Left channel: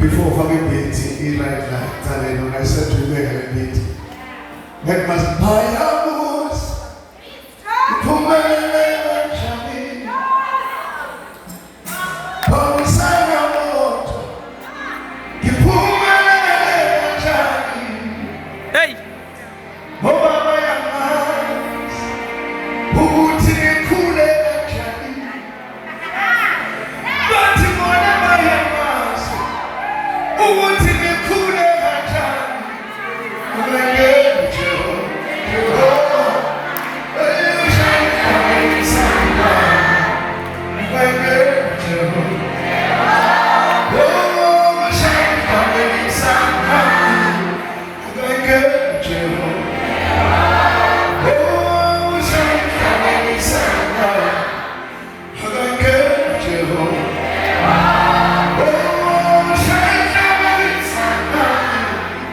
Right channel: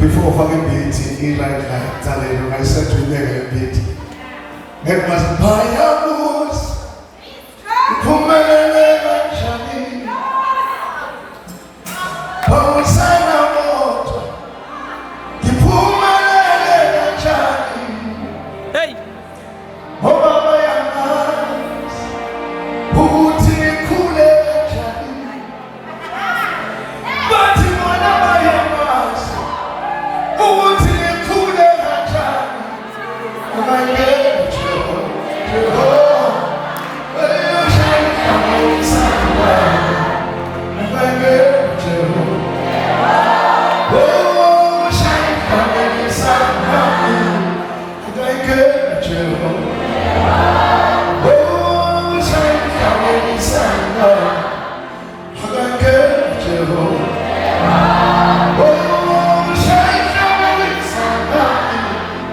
Before fucking beauty, like telling I said to you, beauty. That must buy a horse. Hey!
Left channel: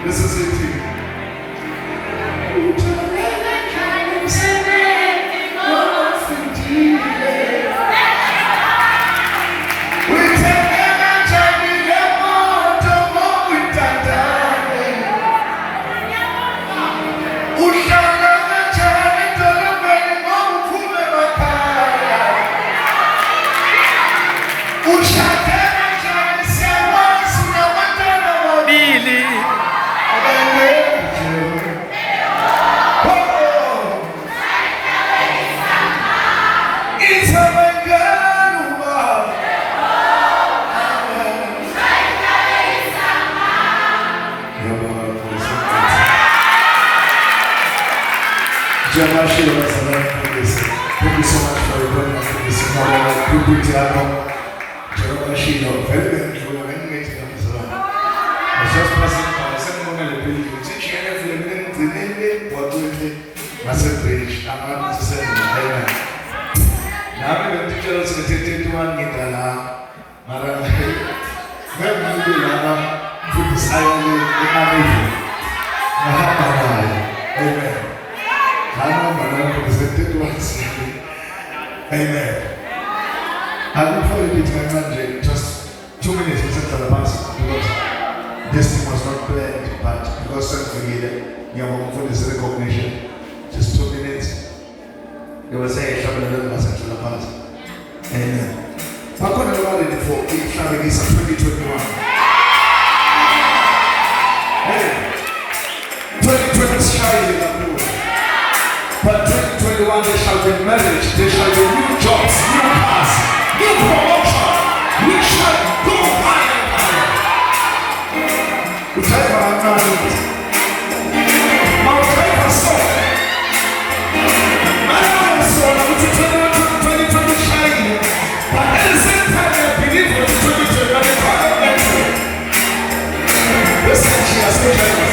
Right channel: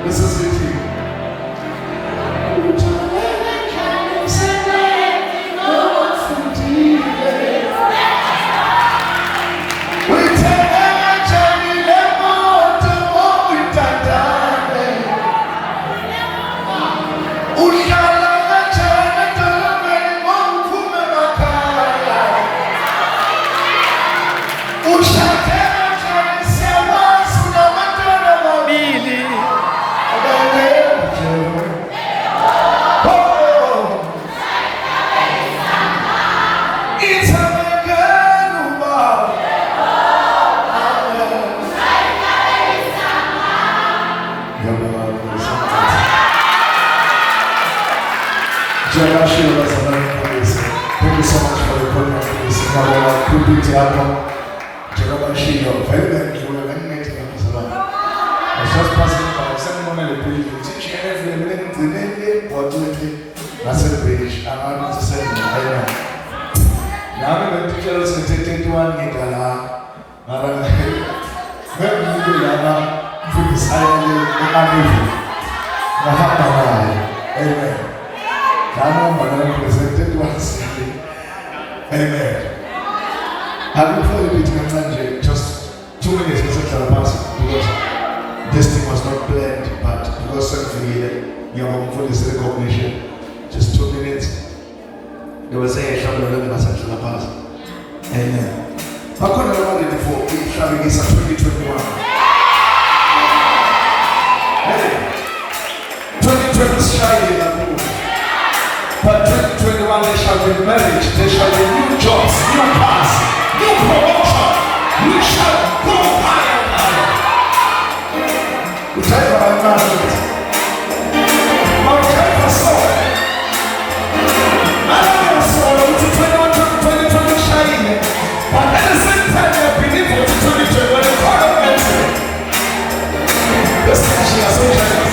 This is it. Thank you so much for your I was just passing by someone on the page. Every minute, what do you I said, British, I'm not to say, now I'm going to tell us to take one in the Amen. I will probably be to just 2 minutes instead of passing because this thing was not planned, but because certainly you have for this recognition, just 2 minutes. They will say, "Shall we learn as a pass?" Amen. How come we are ready for it? Traveling is 2021. Hey, 2020 is shining up. But 2021 there shall be marriage, there shall be new jobs, new cars, new promotion. We shall go higher and higher. We try for our marriage. Now we try for soul. I don't know soul, which is 2020 shining. But at the same time, I believe what 2020 when the God of mercy. This time she has said,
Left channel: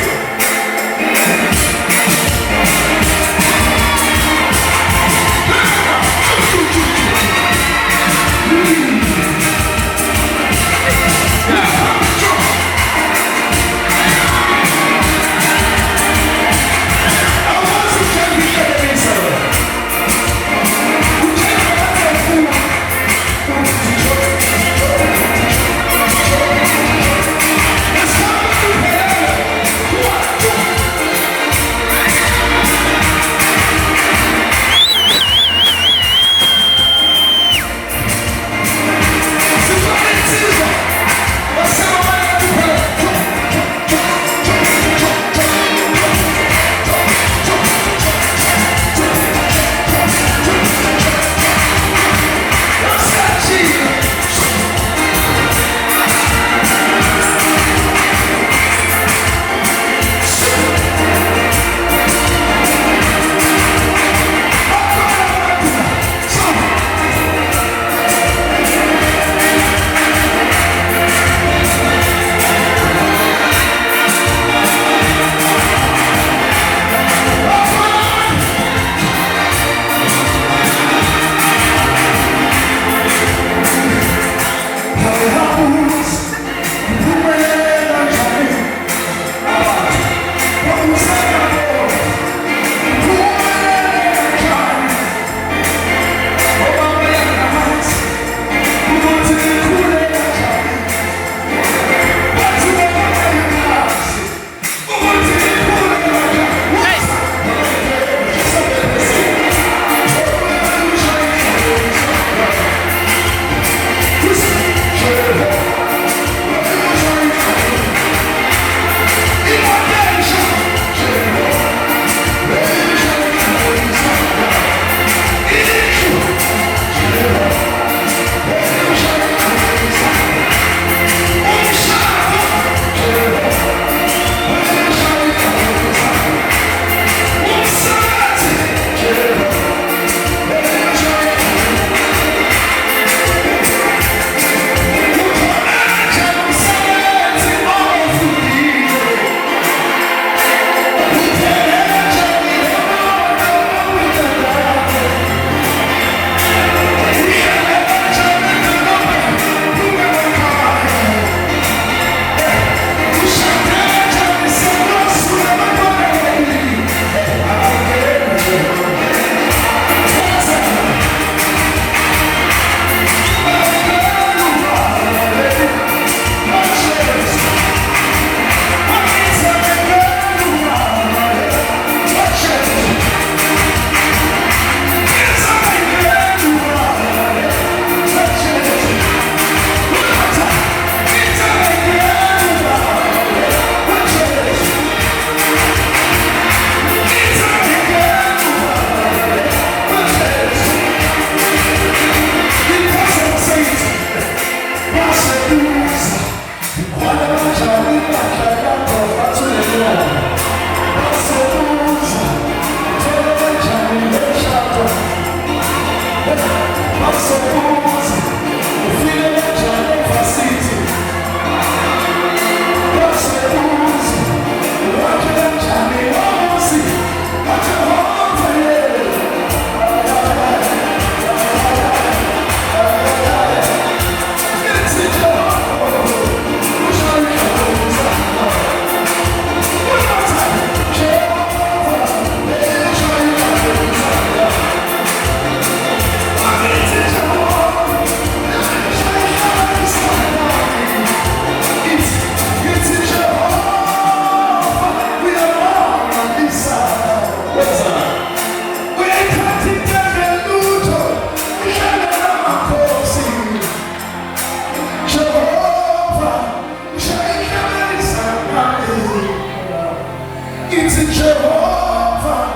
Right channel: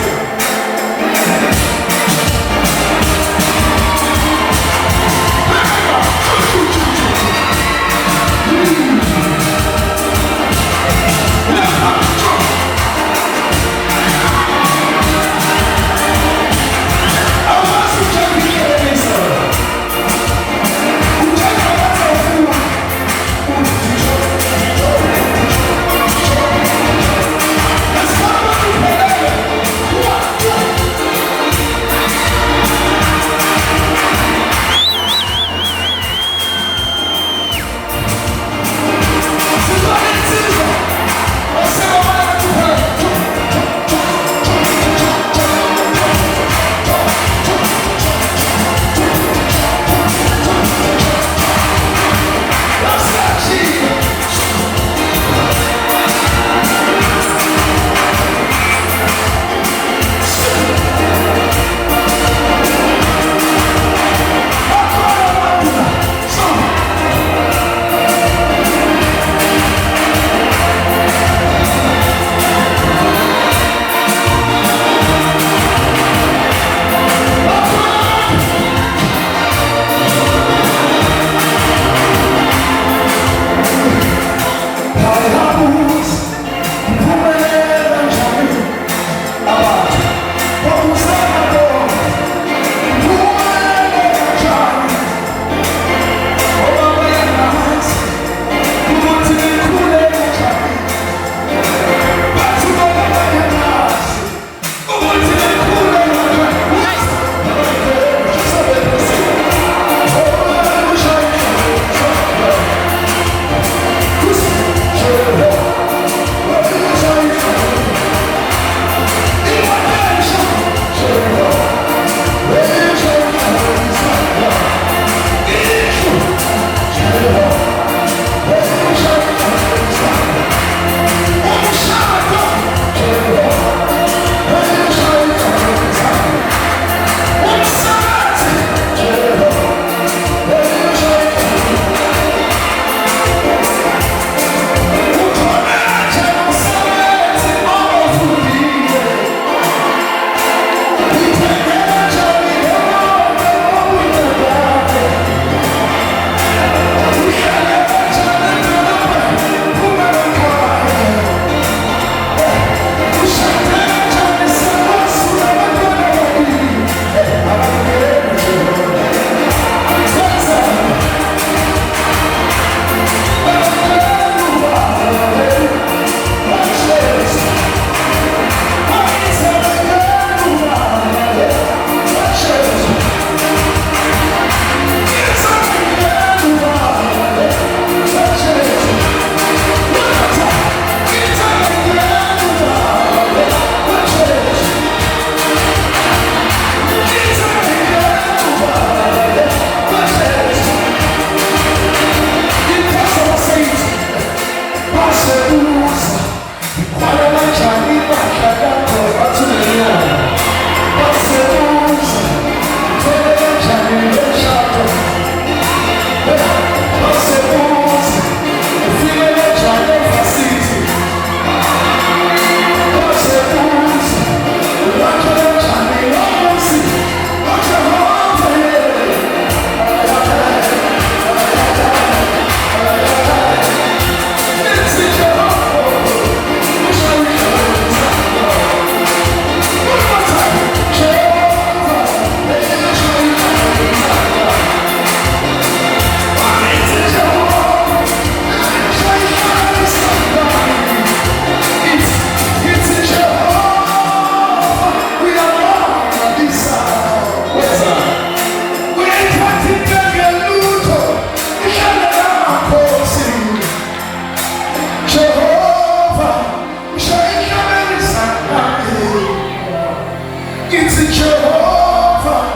Jehovah,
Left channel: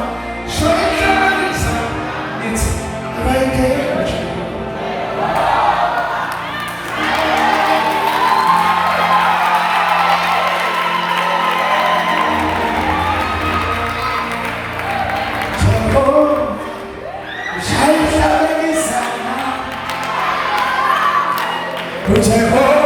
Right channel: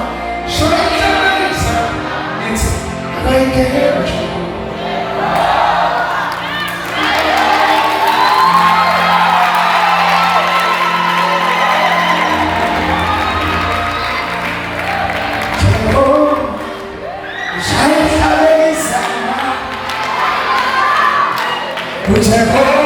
it's like Jehovah,